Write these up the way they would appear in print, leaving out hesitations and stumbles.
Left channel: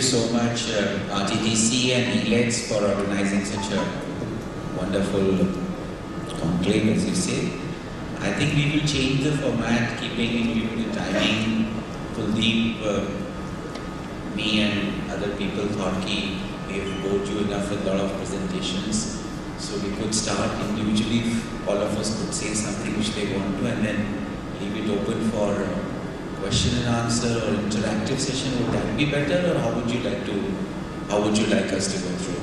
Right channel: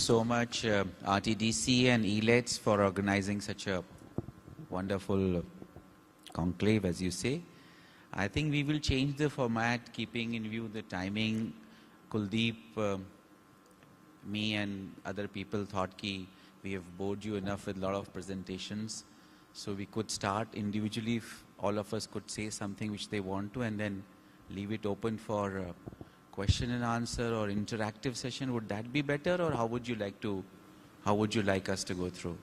you so much, RTTC and elets, for organizing such a wonderful conclave, as you say. I think we will change the format, keeping in view the timing. Kuldeep, me and other people thought we have bored you enough with a lot of presentations. So we could start individually, all of us could say something which they want to, and then leave it open for question and answer or interactive session. Would that be better, or how would you like us to go through?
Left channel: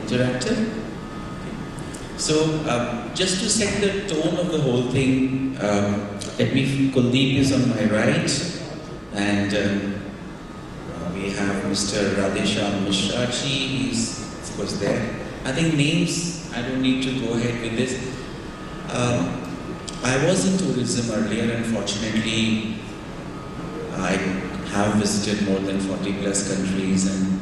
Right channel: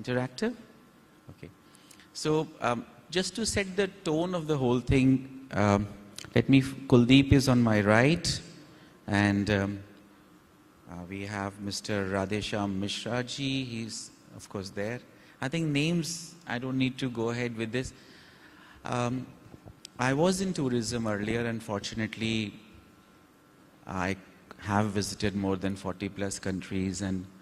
Interactive? So, just to set the tone of the whole thing, Kuldeep is on my right, and we have Mr. Radhesham Mishraji, he's of course there. I think names, I don't need to go ahead with this. I was in tourism earlier, unfortunately. I have visited more than 40 plus countries and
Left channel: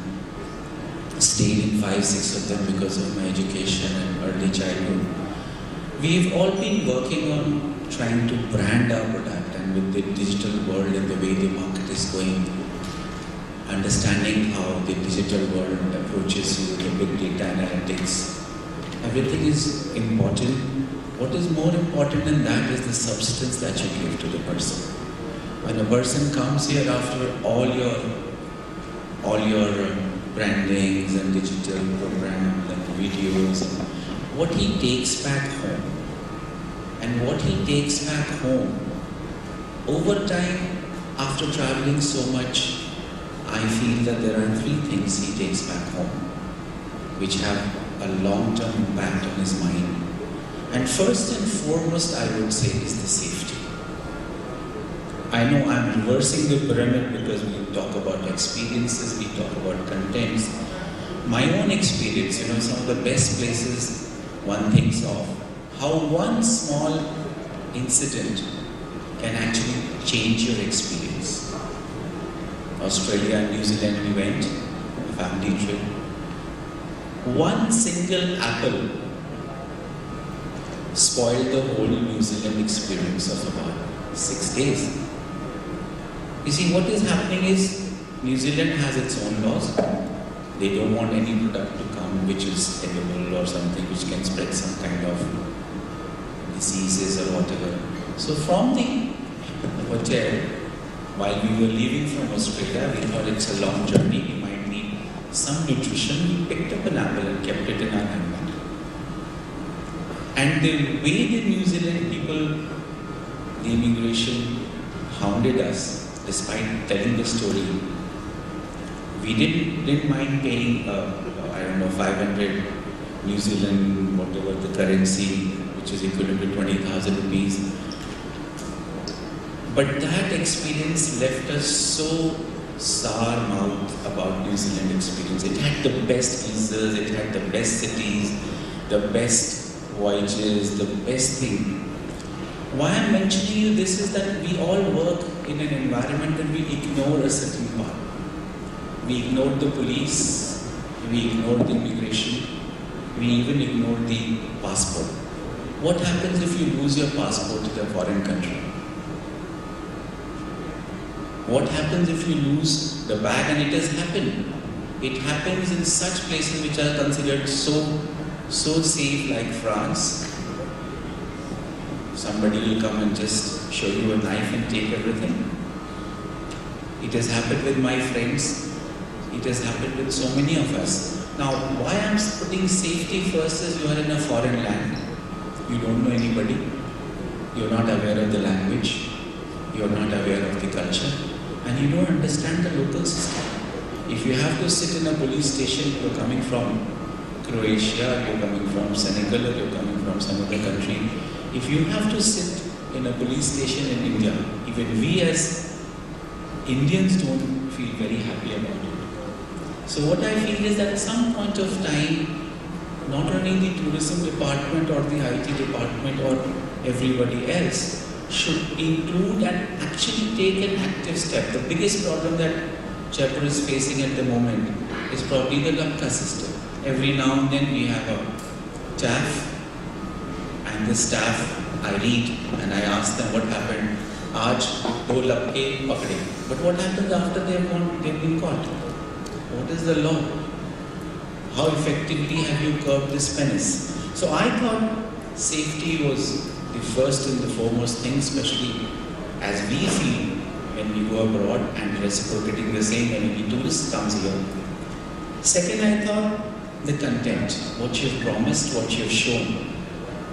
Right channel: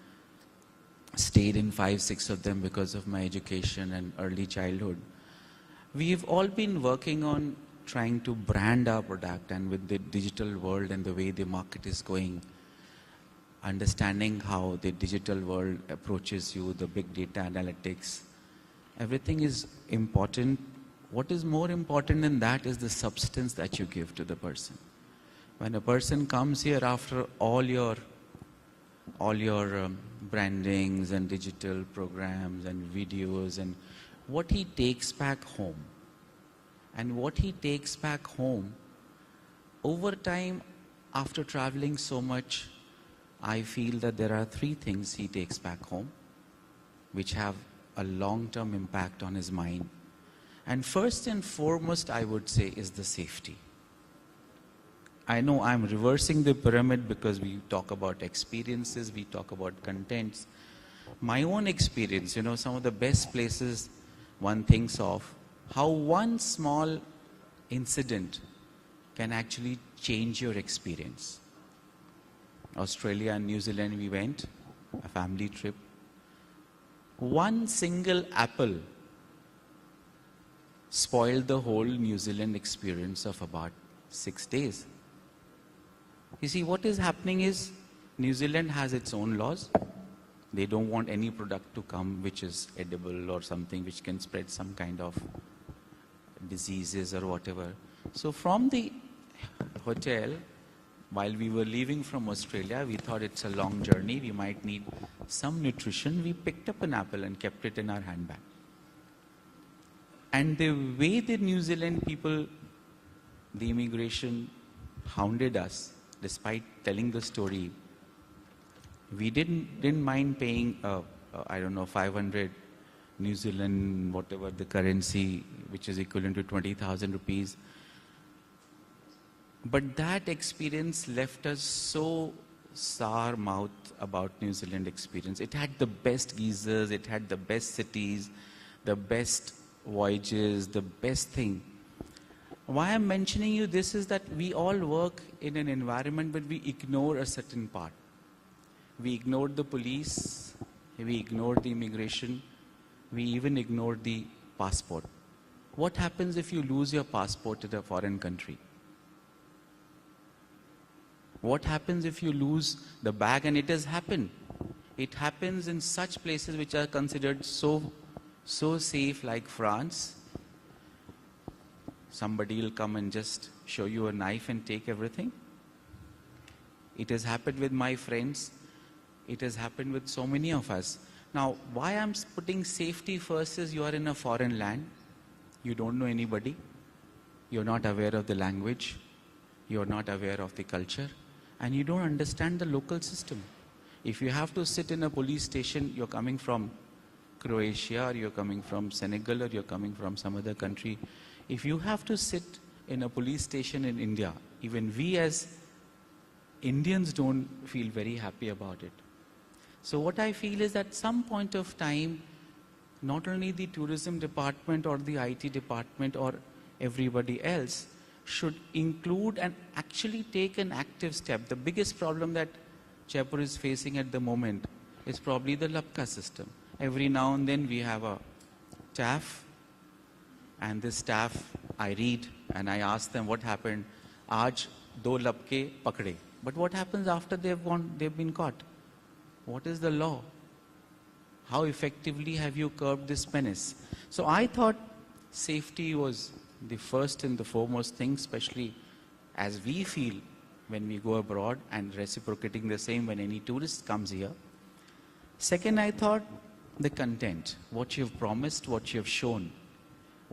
stayed in 5-6 of them because of my education and early childhood. We've all been working on trying to brand our product, and with the digital world and the way the market is going, understanding how the digital world approaches you, the big data analytics, everything is important. What is more important than that is the substance that you give to the person. When a person comes here after all your brandings and digital programs and videos, and what he takes back home, and what he takes back home, over time, after traveling so much, I feel that there are 3 things he takes back home, which have a long-term impact on his mind. And first and foremost, I would say, is the safety. I know I'm reversing the pyramid because we talk about experiences, we talk about contents. My own experience, some of the best places one thinks of, how one small incident can actually change your experience. Australia and New Zealand we went, family trip. One single apple spoiled the whole New Zealand experience of about 6 days. You see, what is happening is New Zealand has its own laws. They don't want any product to come which is edible or something which can spread some kind of diseases or whatever. So from the hotel, while we were leaving from Australia, we thought it's a long journey, we might need some nutrition. We picked up an apple and kept it in our handbag. And the way the New Zealand people, the immigration, hounded us, despite telling the story, we didn't mind paying, 500 New Zealand, whatever the currency, which is equivalent to 20,000 rupees. But that experience left us so sour mouth about New Zealand experience. It had the best visas, it had the best cities, the best voyages, the best thing. Why I'm mentioning you this is that we all work in an environment where we ignore a certain part. We ignored the police, we ignored the immigration, we even ignored the passport. What happens if you lose your passport to a foreign country? What happens if you lose the bag? And it has happened. It happens in such places which are considered so safe, like France. Somebody will come and just show you a knife and take everything. It has happened with my friends. It has happened with so many of us. Now, why I'm putting safety first is you are in a foreign land. You don't know anybody. You're not aware of the language. You're not aware of the culture. And you don't understand the local system. If you have to sit in a police station, you're coming from Croatia, you're coming from Senegal, or you're coming from some other country. If you have to sit in a police station in India, even we as Indians don't feel very happy about it. So what I feel is that at some point of time, not only the tourism department or the IT department or everybody else should include and actually take an active step. The biggest problem that Jaipur is facing at the moment is probably the Lapka system. Every now and then we have a staff, and the staff, I read and I ask them what happened. Aaj do lapke pakde. But what happens after they've been caught? What is the law? How effectively have you curbed this menace? So I thought safety was the first and the foremost thing, especially as we feel when we go abroad and reciprocating the same when any tourist comes here. Second, I thought the content, what you've promised, what you've shown,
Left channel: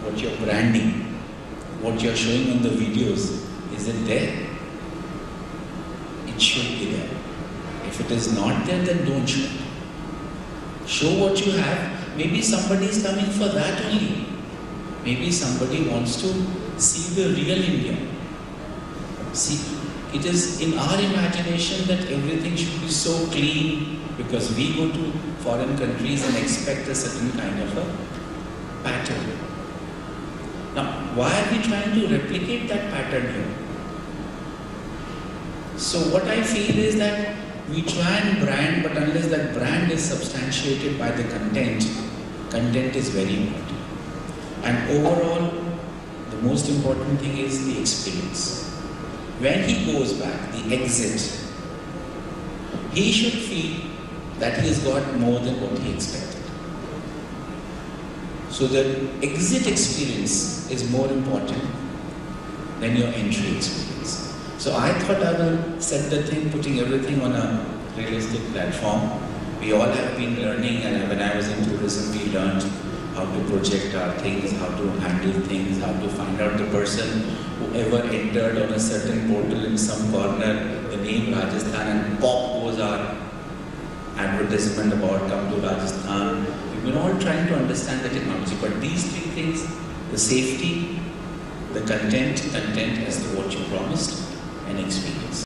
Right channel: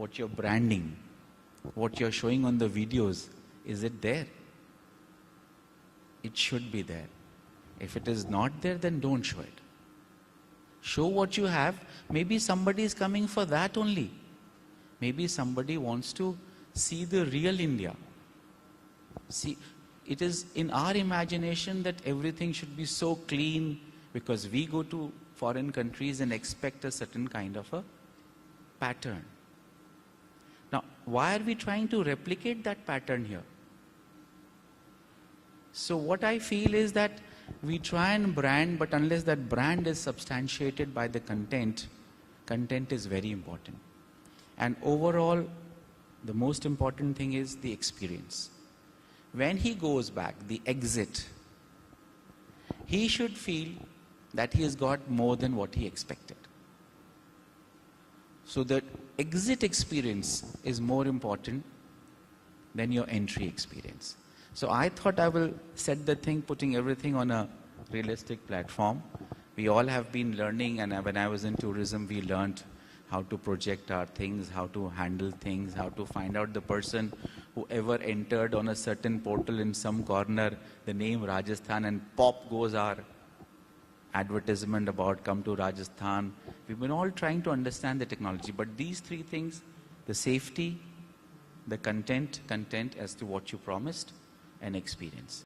what you're branding, what you're showing on the videos, is it there? It should be there. If it is not there, then don't show it. Show what you have. Maybe somebody is coming for that only. Maybe somebody wants to see the real India. See, it is in our imagination that everything should be so clean because we go to foreign countries and expect a certain kind of a pattern. Now, why are we trying to replicate that pattern here? So what I feel is that we try and brand, but unless that brand is substantiated by the content, content is very important. And overall, the most important thing is the experience. When he goes back, the exit, he should feel that he has got more than what he expected. So the exit experience is more important than your entry experience. So I thought I will set the thing, putting everything on a realistic platform. We all have been learning, and when I was in tourism, we learned how to project our things, how to handle things, how to find out the person who ever entered on a certain portal in some corner, the name Rajasthan, and pop goes our advertisement about come to Rajasthan. We've been all trying to understand the technology, but these three things, the safety, the content as to what you promised, and experience.